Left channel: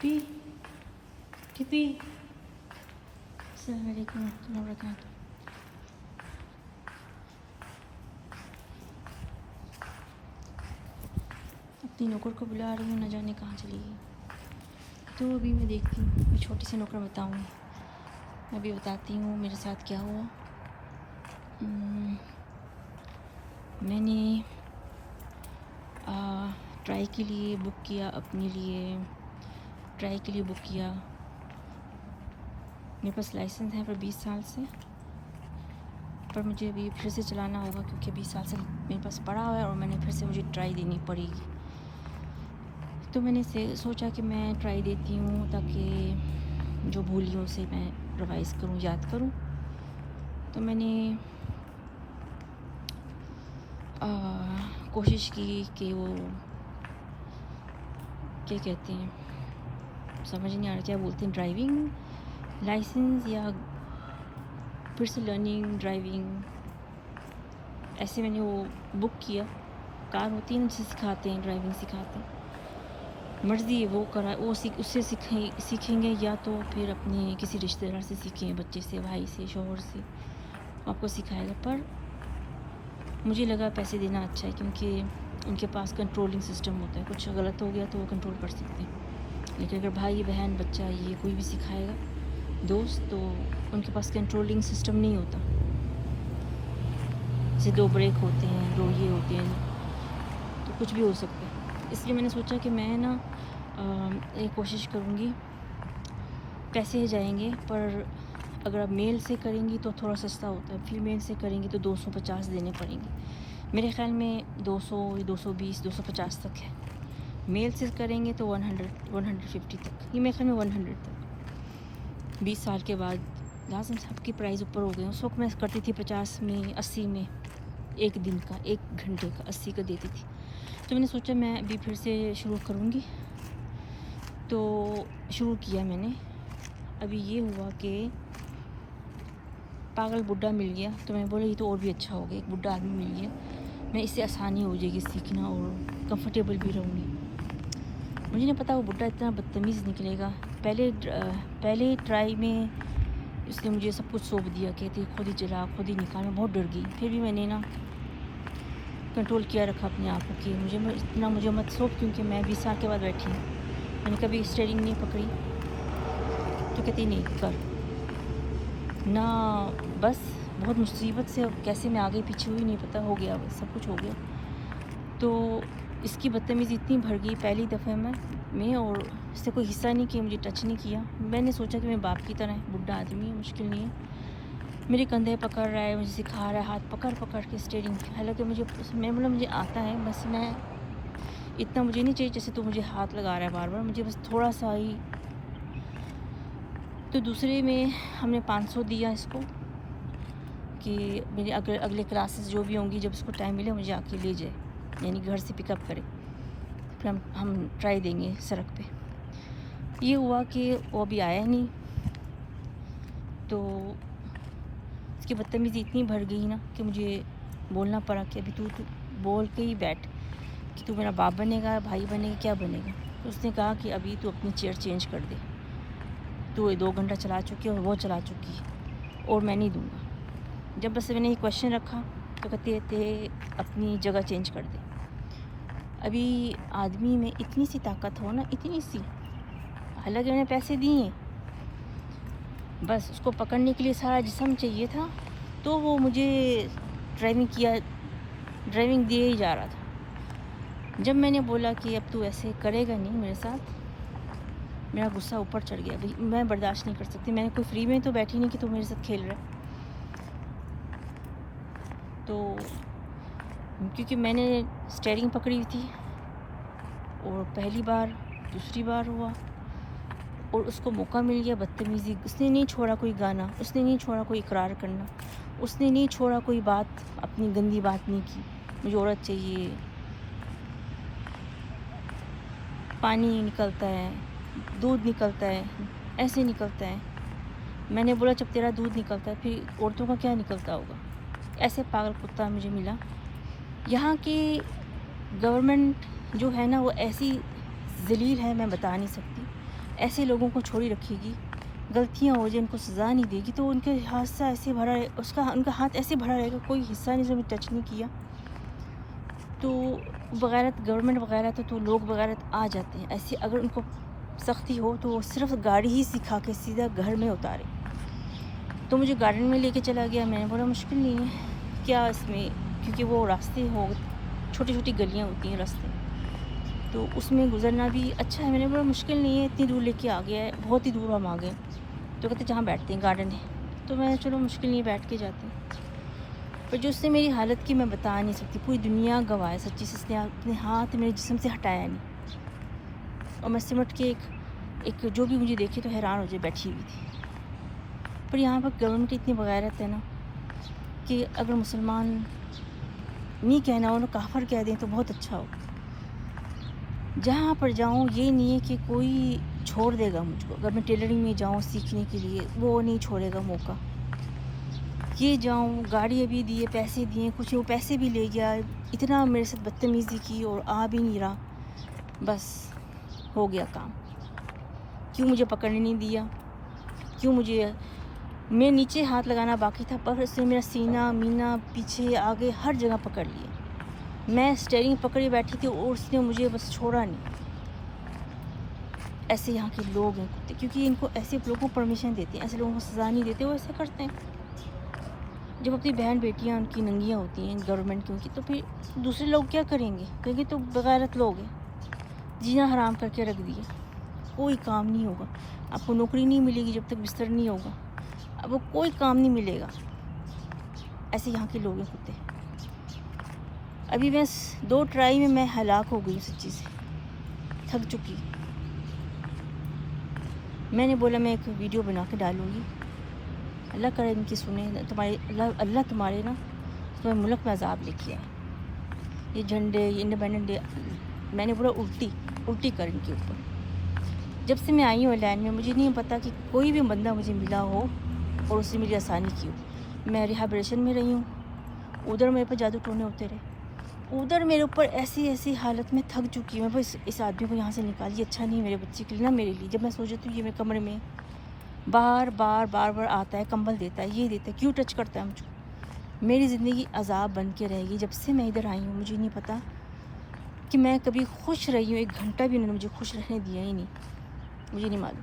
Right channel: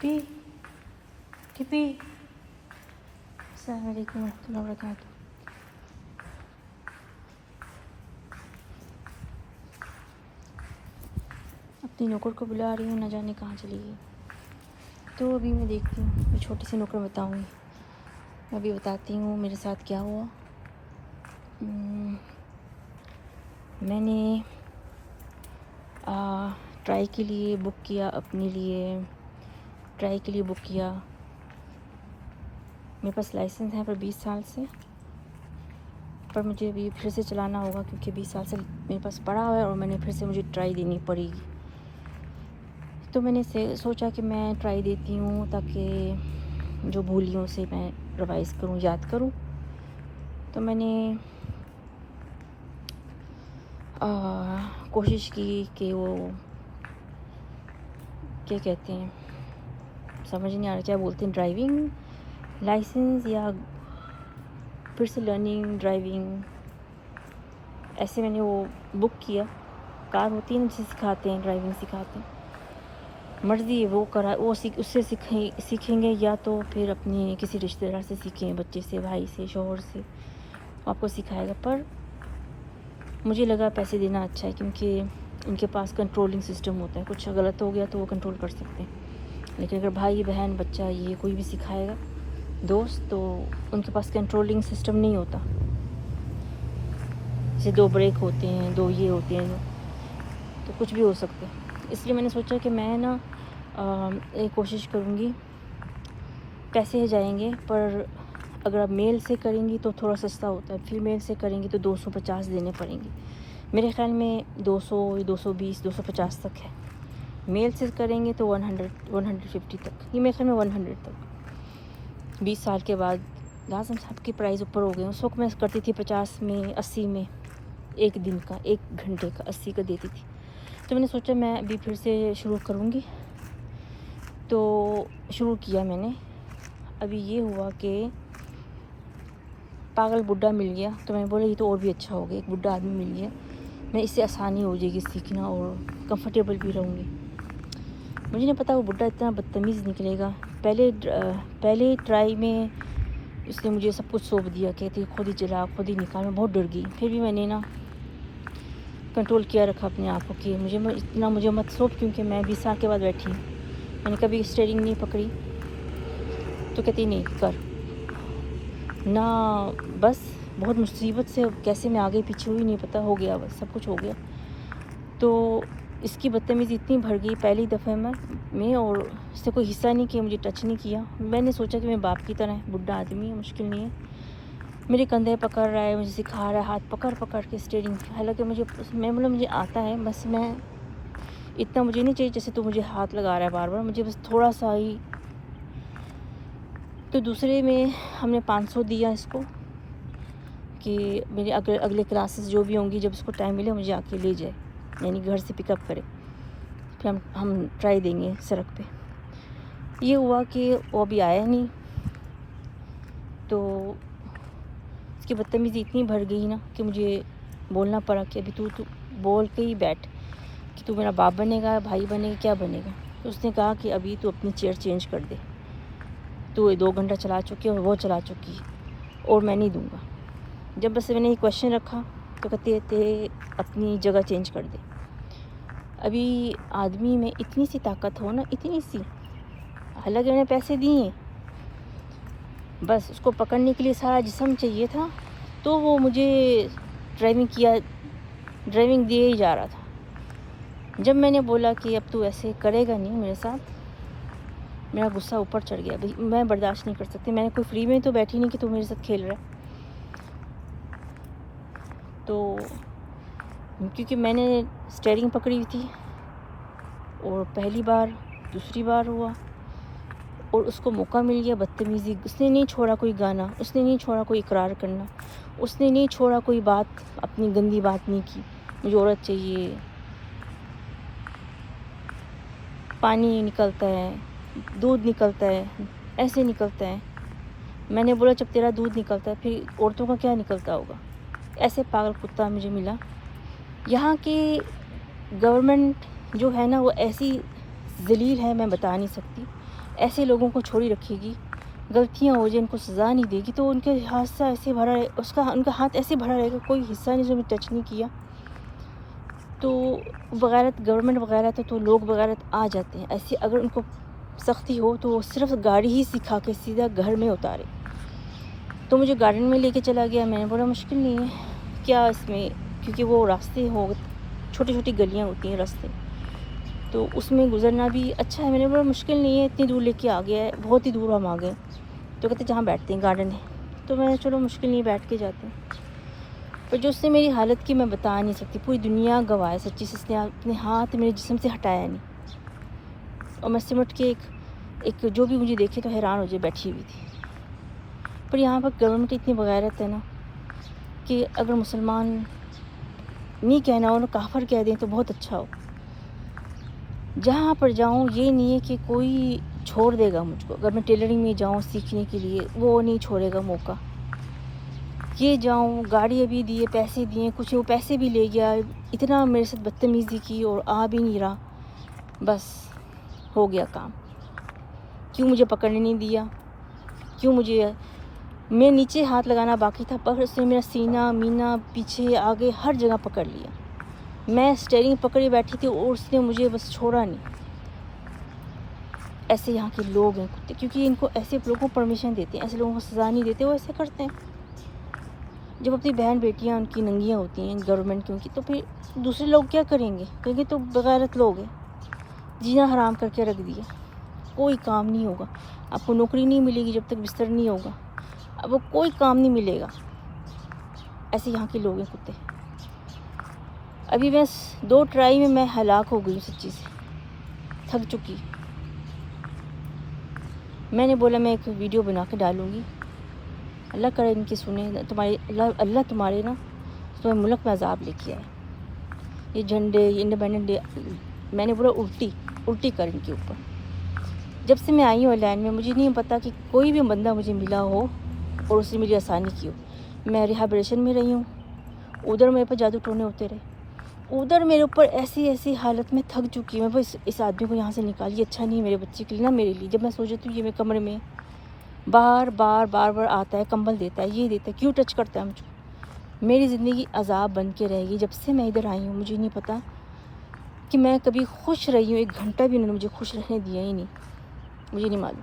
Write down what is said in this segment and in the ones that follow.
टिप्पी टिप्पी अस्सलाम वालेकुम warahmatullahi wabarakatuh। अपनी नौकर को बुला रही हूँ, ना जाने कहाँ चली गई। तो अभी मैं देखती हूँ, ये छोटी सी नौकर बताऊँगी। मैं अभी बताती हूँ मेरे साथ क्या हुआ। मैंने ट्राई के लिए बुक किया, अपने लिए ट्राई के लिए बुक किया। मेरे पास लाइसेंस है पर 20 साल से, पर मुझे अभी फिर से चलाना होगा क्योंकि 20 साल से मेरे पास पड़ा हुआ है और मैंने फिर से मुझे ट्राई देनी पड़ेगी। तो मैंने सोचा कि मैं ट्राई देती हूँ ताकि जो भूली हूँ उसे मैं रिवाइज़ करूँ, याद करूँ। तो मैंने कोशिश की कि वो क्या कहते हैं, समझ नहीं आ रहा क्या बोलते हैं, ड्राइविंग लाइसेंस या फिर से लर्निंग ड्राइविंग, ऐसे मैंने वो बुक किया। कार होती है उनसे सिखाते हैं, ड्राइविंग सिखाते हैं। मर्ज़ी है वो उससे सीखेंगे या तो फिर अपनी किसी रिश्तेदार से सीखें, बच्चे से, भाई से, शौहर से, आपको सिखाएगा। पर मुझे लगा पैसे देना अच्छा है क्योंकि उनके पास कंट्रोलिंग सिस्टम होता है। कुछ गलत हो गया तो वो कंट्रोल कर सकते हैं, लेकिन अगर भाई बहन बच्चा ये कोई भी सिखाएगा दोस्त, तो उनके पास कंट्रोलिंग सिस्टम नहीं होता। जैसे 2 ब्रेक होते हैं, 2 ये होते हैं, तो कुछ भी हो सकता है। इसलिए मैंने सोचा कि मैं ना एक कोशिश करूँगी। पैसे जाएंगे, पर अगर आप मेल से करेंगी तो थोड़ा सस्ता होता है, फीमेल से करेंगी तो 250 देने पड़ेंगे। मेरे ख़्याल में 200, 220, 250 तक है। मेल से करेंगे तो 150 तक, ये मेरे ख्याल में 100 तक। 20 साल के बाद लाजम सबकी प्राइस ऊपर हो गए। उस वक्त मैं करती थी 50 में, 80 में, एक दिन का, 1 घंटे का 80 का देती थी। तो मैंने सोचा मैं अभी फिर से शुरू करूँगी, तो शुरू किया मैंने। अभी ये हुआ कि पागल बुड्ढा मिल गया, तो मैं बोला ये तो और भी अच्छा हो गया, एक बुड्ढा आदमी मिल गया, मैं इससे आसानी हो जाएगी सीखना और कंफर्टेबल भी रहूँगी। मुझे नहीं पता वो बुड्ढा इतना बदतमीज़ निकलेगा। पहले ट्राई में उसने मुझे सब कुछ सौंप दिया, कहती खुद ही चला, खुद ही निकाल। मैं बहुत डर गई, फिर भी मैंने ना कंट्रोल किया रखा अपने आप को कि मुझे मत सौंप, क्योंकि मैं 20 साल के बाद बैठी हूँ। मैंने कभी स्टीयरिंग नहीं पकड़ी, तो कहती नहीं कर ना। बस बहुत मुसीबत से कैसे मैं आगे पीछे हुई नहीं पता, हो गया बस सब कुछ हो गया। तो इसकी बदतमीज़ी इतनी भर गई पहली दफ़े में और इससे कोई हिस्सा नहीं किया, मुझे टच नहीं किया। मैंने सोचा कि मैं बाप की तरह, बुड्ढा आदमी है, मुश्किल नहीं है। मेरे कंधे पकड़ रहा है, मुझे सिखा रहा है, हाथ पकड़ पकड़ के स्टीयरिंग। हालांकि मुझे आता है, बस मैं इतना मुझे नहीं चाहिए जैसे तो मुझे हाथ लगा रहा है बार बार, मुझे बस थोड़ा सा ही। तो दूसरे में हमने 500 दिया इसको कि मेरे अगले क्लासेस जो भी होंगी, जब उसको टाइम मिले मुझे आके ले जाए, यानी घर से पिकअप करे, फिर हम ट्राई देंगे सड़क पे। ये हुआ कि वो अभी आया नहीं, तो उसकी बदतमीज़ी इतनी भर गई ना कि मुझे बोलना पड़ा कि अभी तू बोल के ही बैठ कि तू मेरा बाप बनेगा, भाई बनेगा, क्या बनेगा। तो उसने कहा कि अभी तू अपनी चेयर चेंज कर दे, तू 2 घंटा चला चुकी है और वो चला चुकी है और मैं नहीं दूँगा। जब बस मैंने एक क्वेश्चन रखा तो कहते थे अपनी जगह चेंज कर दे। अभी आदमी में इतनी सी ताकत हो ना, इतनी सी, हालांकि मैंने पैसे दिए, बस उसको पकड़ने के लिए सारा जिस्म चाहिए था, तो वो मुझे ड्राइविंग दिए ही जा रहा था। जब मैंने बोला कि अब तू ऐसे करेगा नहीं मेरे साथ, मेरा गुस्सा ऊपर चढ़ गया। मैं बर्दाश्त नहीं कर सकती, मैं कोई फ्री में तो बैठी नहीं कि तू मेरे साथ खेल रहा। तो क्योंकि मैंने स्टीयरिंग पकड़ी हुई थी और पहली बार दूसरी बार हुआ और उसको मौका मिल गया बदतमीज़ी। उसने नहीं छोड़ा कोई गाना, उसने नहीं छोड़ा कोई इकरार करना, उसने नहीं छोड़ा कोई बात, अपनी गंदी बात नहीं की। मुझे औरत चाहिए, पानी निकलता है, दूध निकलता है, ऐसे निकलता है। मैंने बोला जब तेरा दूध निकलता है फिर औरतों का क्या निकलता होगा। ऐसे पागल कुत्ता मुझे मिला। यहाँ की गवर्नमेंट जो है ना, वो ऐसी ज़लील है, मैं बता नहीं सकती। ایسے لوگوں کو چھوڑی رکھے گی، غلطیاں ہو جائیں ان کو سزا نہیں دے گی تو ان کے ہاتھ سے ایسے بھرا ہے، ان کا ہاتھ ایسے بھرا رہے گا، کوئی حصہ نہیں جو میں ٹچ نہیں کیا. تو بغیرت گورنمنٹ وغیرہ تو لوگ بغیرت آ جاتے ہیں. ایسے اگر ان کو سختی ہو تو وہ صرف گاڑی ہی سکھا کے سیدھا گھر میں اتارے. تو مجھے گارڈن میں لے کے چلا گیا. میں نے بولا مشکل نہیں ہے کیا اس میں، کیونکہ وہ راستے چھوٹی چھوٹی گلیاں ہوتی ہیں راستے، تو اس میں گزرنا بھی اچھا ہے. میں نے بولا مشکل نہیں ہے، اتنی دور لے کے آ گیا ہے، بہت ہی دور ہم آ گئے. تو کہتے جہاں بیٹھتے ہیں گارڈن ہے. تو میں نے چلو مشکل نہیں، بیٹھ کے جاتے ہیں. تو جو اس نے میری حالت کی میں بتا نہیں سکتی، پوری دنیا گواہ ہے سچی سے. اس نے اپنے ہاتھ میرے جسم سے ہٹایا نہیں، اور میں سمٹ کے ایک جو بھی مجھے دیکھے تو حیران ہو جائے بیٹھی ہوئی تھی. پر یہاں پر گورنمنٹ اتنی بغیرت ہے نا کہ اگر مسلمان نہیں کہنا ہو نا کافر کہہ دیں تو بہت اچھا ہو. جہاں پر جاؤں یہ نہیں ہے کہ کوئی چھوڑ دے گا مجھ کو. اگر میں ٹیلرنگ میں جاؤں سیکھنے کے لیے وہ نہیں چھوڑے گا موقع. یہ جاؤں، گاڑی ابھی دیے، پیسے دیے، کچھ وہ پیسے بھی لے گیا، اتنا میرے ساتھ بدتمیزی کی اور آ بھی نہیں رہا. بس ہو گیا کام. کیوں مجھے پکڑنے نہیں دیا، کیوں مجھے، میں نیچے ہاتھ لگانا باقی تھا پر اس نے میرا سینہ مینہ پیچھے آگے ہر جگہ پکڑ لیا. میں اسٹیئرنگ پکڑے بیٹھی تھی اور اس نے مجھے بس چھوڑا نہیں. ایسے یہاں کے لوگ ہیں کیونکہ ان کو ایسے لوگوں کو پرمیشن دیتے ہیں، ایسے لوگوں کو سزا نہیں دیتے، وہ ایسا کرتے ہیں. جب اپنی بہن بیٹیاں ان کی ننگیاں ہوتی ہیں گورنمنٹ کی ان کی، تو پھر دوسرے لوگ کیا کریں گے؟ کیونکہ تو بغیرت لوگ ہیں. جینا حرام کر کے رکھ دیا، کوئی کام نہیں ہوگا. آپ کو نوکری نہیں ملے گی جب تک بستر نہیں ہوگا، اب وہ کوئی کام نہیں ملے گا. ایسے یہاں کے لوگ ہیں کتے. ابھی میں 2 ٹرائی میں ہلاک ہو گئی ہوں سچی سے، تھک چکی. میں نے بولا میں ایک ویڈیو بنا کے ڈالوں گی، اللہ کرے ان کی سنیں تمہاری، اللہ تمہارے نا تمہیں ملک میں عذاب لے کے آئے. یہ جھنڈے، یہ انڈیپینڈنٹ ڈے، میں نے بولا الٹی کر ان کے اوپر. جب سے میں آئی ہوں لینڈ میں مجھے نہیں پتا کہ کوئی بھی بندہ مجھے ملا ہو اور اس نے مجھے آسانی کی ہو. میں ریہیبریشن میں رہی ہوں، ادھر میرے پہ جادو ٹونے ہوتے رہے. ادھر میرے اوپر ایسی حالت میں تھک چکی ہوں. بس اس آدمی کو یہاں سے نکالیے، اچھا نہیں میرے بچے کے لیے نہ میرے لیے. جب میں سوچتی ہوں کہ میرے کمرے میں بار آتا ہے، کمبل دیتا ہے، یہ دیتا ہے، کیوں ٹچ کرتا ہے مجھے. میری زندگی عذاب بن کے رہے گی. جب سے میں ادھر آئی ہوں مجھے نہیں پتا کہ میں کبھی خوش رہی ہوں. 1 گھنٹہ بھی انہوں نے مجھے خوش رہنے دیا ہی نہیں، مجھے نہیں معلوم.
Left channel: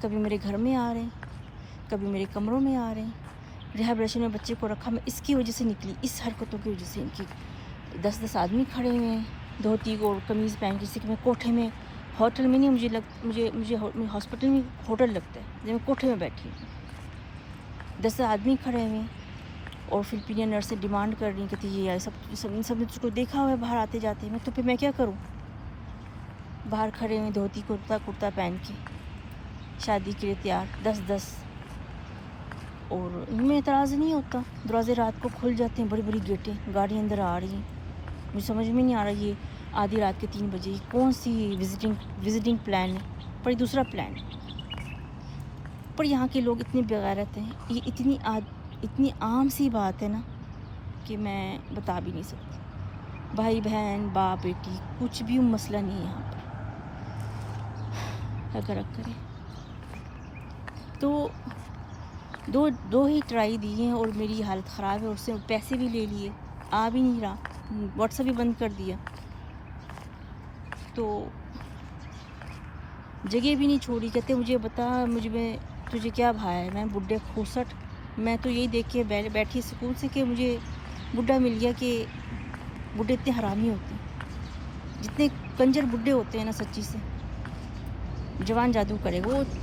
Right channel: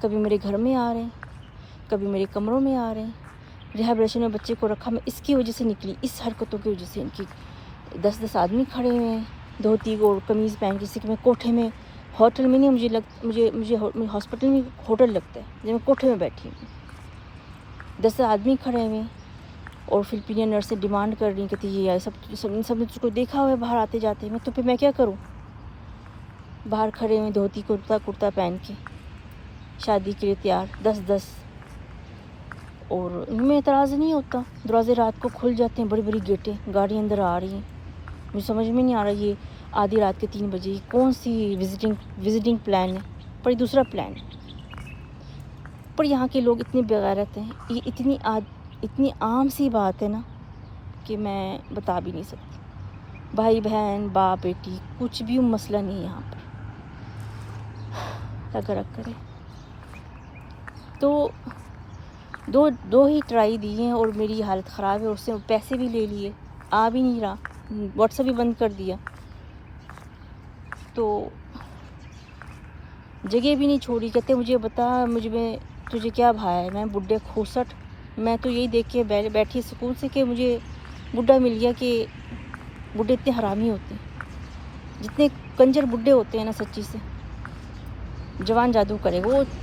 کبھی میرے گھر میں آ رہے ہیں، کبھی میرے کمروں میں آ رہے ہیں. ریہیبریشن میں بچے کو رکھا، میں اس کی وجہ سے نکلی، اس حرکتوں کی وجہ سے. ان کی 10 آدمی کھڑے ہوئے ہیں دھوتی اور قمیض پہن کے. میں کوٹھے میں، ہوٹل میں نہیں، مجھے ہاسپٹل میں ہوٹل لگتا ہے جب میں کوٹھے میں بیٹھی ہوں. 10 آدمی کھڑے ہوئے ہیں اور فلپینین نرسیں ڈیمانڈ کر رہی ہیں کہ یہ آئے. سب نے اس کو دیکھا ہوا باہر آتے جاتے ہیں. تو پھر میں کیا کروں؟ باہر کھڑے ہیں دھوتی کرتا پہن کے، شادی کے لیے تیار 10. اور ان میں اعتراض نہیں ہوتا. دروازے رات کو کھل جاتے ہیں، بڑی گیٹیں، گاڑی اندر آ رہی ہیں. مجھے سمجھ میں نہیں آ رہا یہ آدھی رات کے 3 بجے کون سی وزٹنگ پلان ہے، پر یہ دوسرا پلان ہے. پر یہاں کے لوگ اتنے بغیرت ہیں، یہ اتنی عام سی بات ہے نا کہ میں بتا بھی نہیں سکتی. بھائی بہن، باپ بیٹی، کچھ بھی مسئلہ نہیں ہے یہاں پر. اگر کرے تو دو ہی ٹرائی دی ہیں اور میری حالت خراب ہے. اس نے پیسے بھی لے لیے، آ بھی نہیں رہا، واٹس ایپ بھی بند کر دیا. تو جگہ بھی نہیں چھوڑی. کہتے مجھے بتا تجھے کیا بھایا ہے. میں بڈھے کھوسٹ، میں تو یہی دیکھ کے بیٹھی سکون سے کہ مجھے بڈھا مل گیا. کہ بڈھے اتنے حرامی ہوتے ہیں، جتنے کنجر بڈھے ہوتے ہیں نا سچی سے. جوان جادو کرے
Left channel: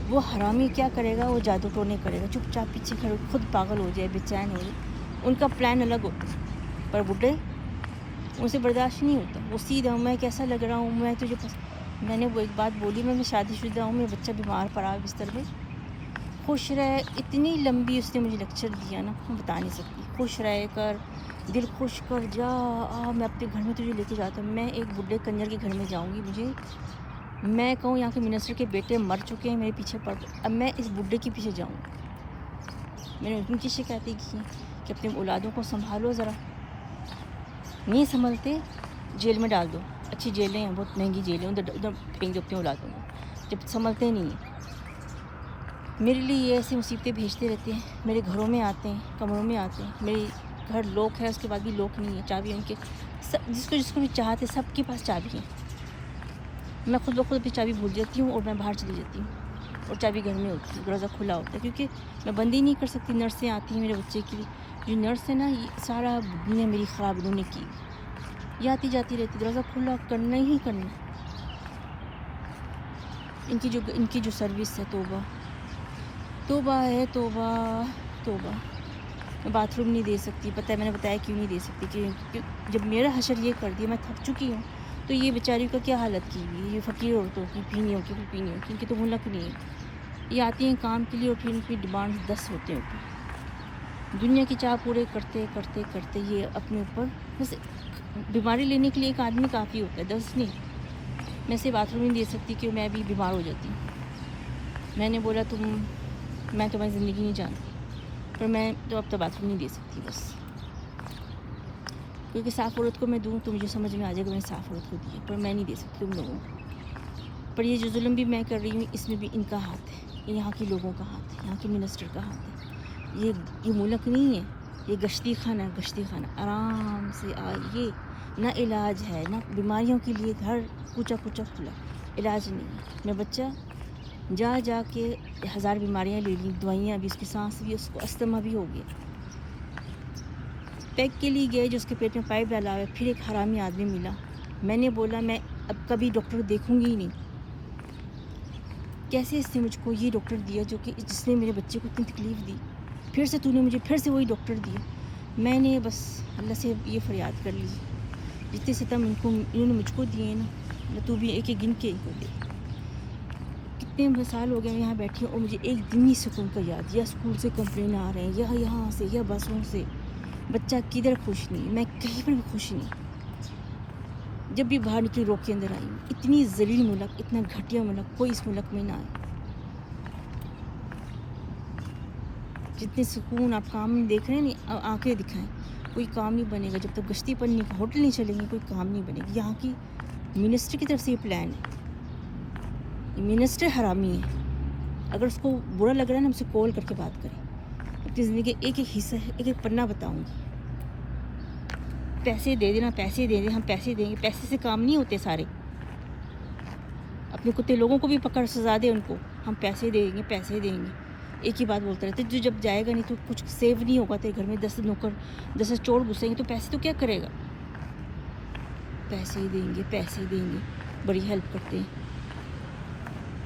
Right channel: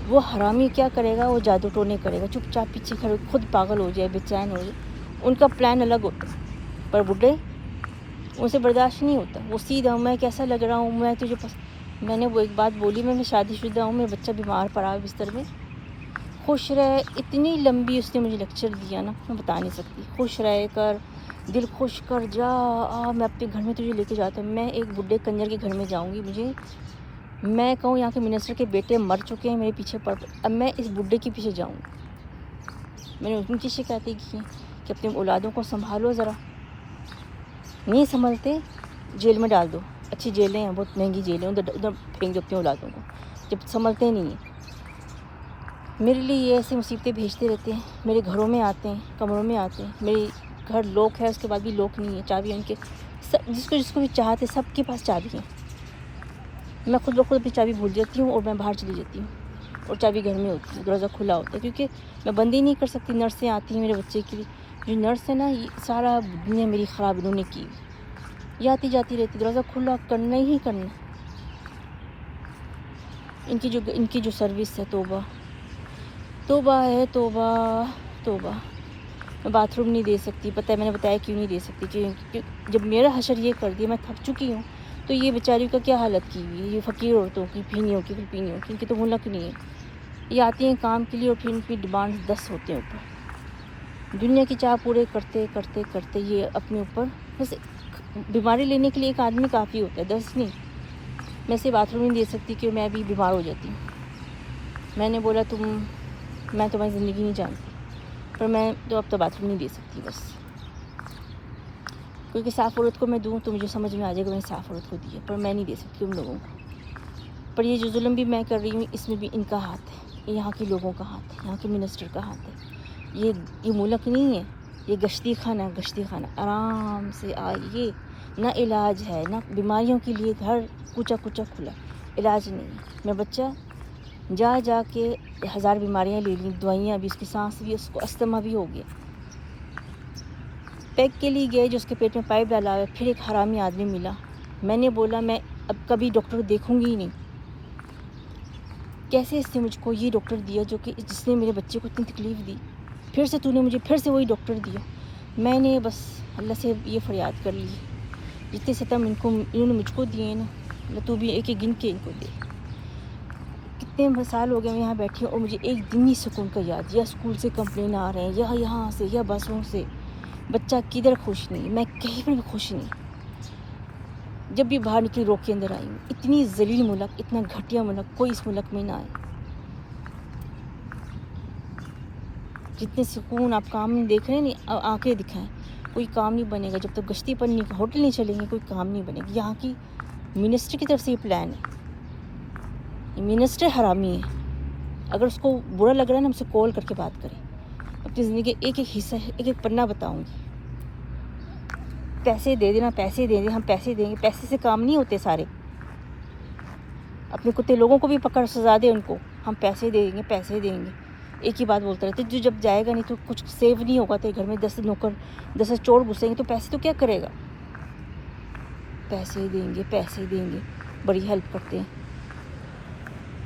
وہ حرامی کیا کرے گا؟ وہ جادو ٹونے کرے گا، چپ چاپ پیچھے کھڑے خود پاگل ہو جائے، بے چین ہو جائے. ان کا پلان الگ ہوتا ہے. پر بڈھے ان سے برداشت نہیں ہوتا. وہ سیدھا میں کیسا لگ رہا ہوں، میں نے وہ ایک بات بولی، میں شادی شدہ ہوں، میرا بچہ بیمار پڑا ہے بستر میں. خوش رہے، اتنی لمبی اس نے مجھے لیکچر دیا نا میں بتا نہیں سکتی. خوش رہے کر، دل خوش کر، جا میں اپنے گھر میں تجھے لے کے جاتا ہوں. میں ایک بڈھے کنجر کے گھر میں جاؤں گی؟ میں کہوں یہاں کے منسٹر کے بیٹے مر چکے ہیں میرے پیچھے پڑ، اب میں اس بڈھے کے پیچھے جاؤں. میں نے ان کی شکایتیں کی کہ اپنی اولادوں کو سنبھالو ذرا. نہیں سنبھلتے جیل میں ڈال دو. اچھی جیلیں ہیں، بہت مہنگی جیلیں ہیں، ادھر پھینک اپنی اولادوں کو. जब संभलते नहीं हैं। मेरे लिए ये ऐसी मुसीबतें भेजते रहते हैं, मेरे घरों में आते हैं, कमरों में आते हैं। मेरे घर लॉक है, उसके बाद भी लॉक नहीं है, चाबी उनके सब, जिसको भी चाहते सबके पास चाबी है। मैं खुद ब खुद अपनी चाबी भूल जाती हूँ और मैं बाहर चली जाती हूँ और चाबी घर में होती है, दरवाज़ा खुला होता है, क्योंकि मैं बंद ही नहीं कर सकती। नर्सें आती हैं मेरे बच्चे की, ये नर्स है ना, ये सारा दुनिया मेरी ख़राब इन्होंने की, ये आती जाती रहती, दरवाज़ा खुला करना ही करना। इनकी जो सर्विस है, तौबा तौबा है, तौबा तौबा। मैं बाथरूम नहीं दे सकती, पता है मैंने बताया क्यों नहीं दे सकती, क्योंकि जब मेरा हशर ये कर दिया, मैं थक चुकी हूँ, तो ये बेचारी का क्या हालत की हुई है, ये फ़कीर औरतों की, पीनियों की, पीनियों की, तो मुल्क नहीं है। ये आती हैं काम के लिए और फिर उनकी डिमांड 10 होते हैं ऊपर। दुनिया की चाह पूरे करते करते करते ये अपने ऊपर बस बीमारी लेने के लिए एक आदमी काफ़ी होता है, 10 नहीं। मैं इसे बाथरूम नहीं दे सकती कि मैं भी बीमार हो जाती हूँ। मैंने बोला मैं तुम्हारी ज़िंदगी नहीं जानती, पर मैं तो अब तो बाथरूम नहीं दे सकती बस, क्योंकि साफ़ औरत को मैं दूँ तो मुझे समझ में आ जाएगा मैंने साफ़ औरत को दी है, पर मैं नहीं दे सकती उन लोगों को। पर ये जो जुल्म भी मैं कर रही हूँ, इसमें भी इनका हाथ है, ये यहाँ के लोगों का हाथ है, यहाँ के मिनिस्टर का हाथ है। ये मुल्क नहीं है, ये गश्ती खाना है, गश्ती खाना। आराम से आइए, ना इलाज है, ना बीमारियों के लिए घर पूछा खुला, इलाज नहीं है। मेरा बच्चा जा के 1000 बीमारियाँ ले ली, दवाइयाँ भी, उसकी सांस भी, उसको अस्थमा भी हो गया। पैक के लिए गए, जो उसके पेट में पाइप डाला है, फिर एक हरामी आदमी मिला। मैंने बोला मैं अब कभी डॉक्टर देखूंगी ही नहीं। कैसे इसने मुझको ये डॉक्टर दिया जो कि जिसने मेरे बच्चे को इतनी तकलीफ़ दी, फिर से तूने मुझे फिर से वही डॉक्टर दिया। मैंने बस अल्लाह से ये फरियाद कर ली, जितने सितम इन्होंने मुझको दिए ना, तू भी एक एक गिन के इनको दे। कितने साल हो गए यहाँ बैठी और मुझे एक दिन ही सुकून का याद, या स्कूल से कंप्लेन आ रहे हैं, या यहाँ से, या बसों से। बच्चा किधर खुश नहीं, मैं कहीं पर भी खुश नहीं। जब भी बाहर निकली रोक के अंदर आई, इतनी जलील मुल्क, इतना घटिया मुल्क कोई इस मुल्क में ना आए। जितने सुकून आप काम नहीं देख रहे नहीं, आंखें दिखाएं, कोई काम नहीं बनेगा जब तक गश्ती पर नहीं, होटल नहीं चलेंगे, कोई काम नहीं बनेगा। यहाँ की मिनिस्टर की तरफ से ये प्लान है। मिनिस्टर हरामी है, अगर उसको बुरा लग रहा है ना, हमसे कॉल करके बात करें, अपनी ज़िंदगी का एक एक हिस्सा, एक एक पन्ना बताऊँगी। पैसे दे देना, पैसे दे दे, हम पैसे देंगे, पैसे से काम नहीं होते सारे। अपने कुत्ते लोगों को भी पकड़ सजा दे उनको, हम पैसे देंगे, पैसे देंगे, एक ही बात बोलते रहते। जो जब जाएगा नहीं तो कुछ सेव नहीं होगा, तो घर में 10 नौकर 10 चोर घुसेंगे तो पैसे तो क्या करेगा। पैसे देंगे, बड़ी हेल्प करते हैं।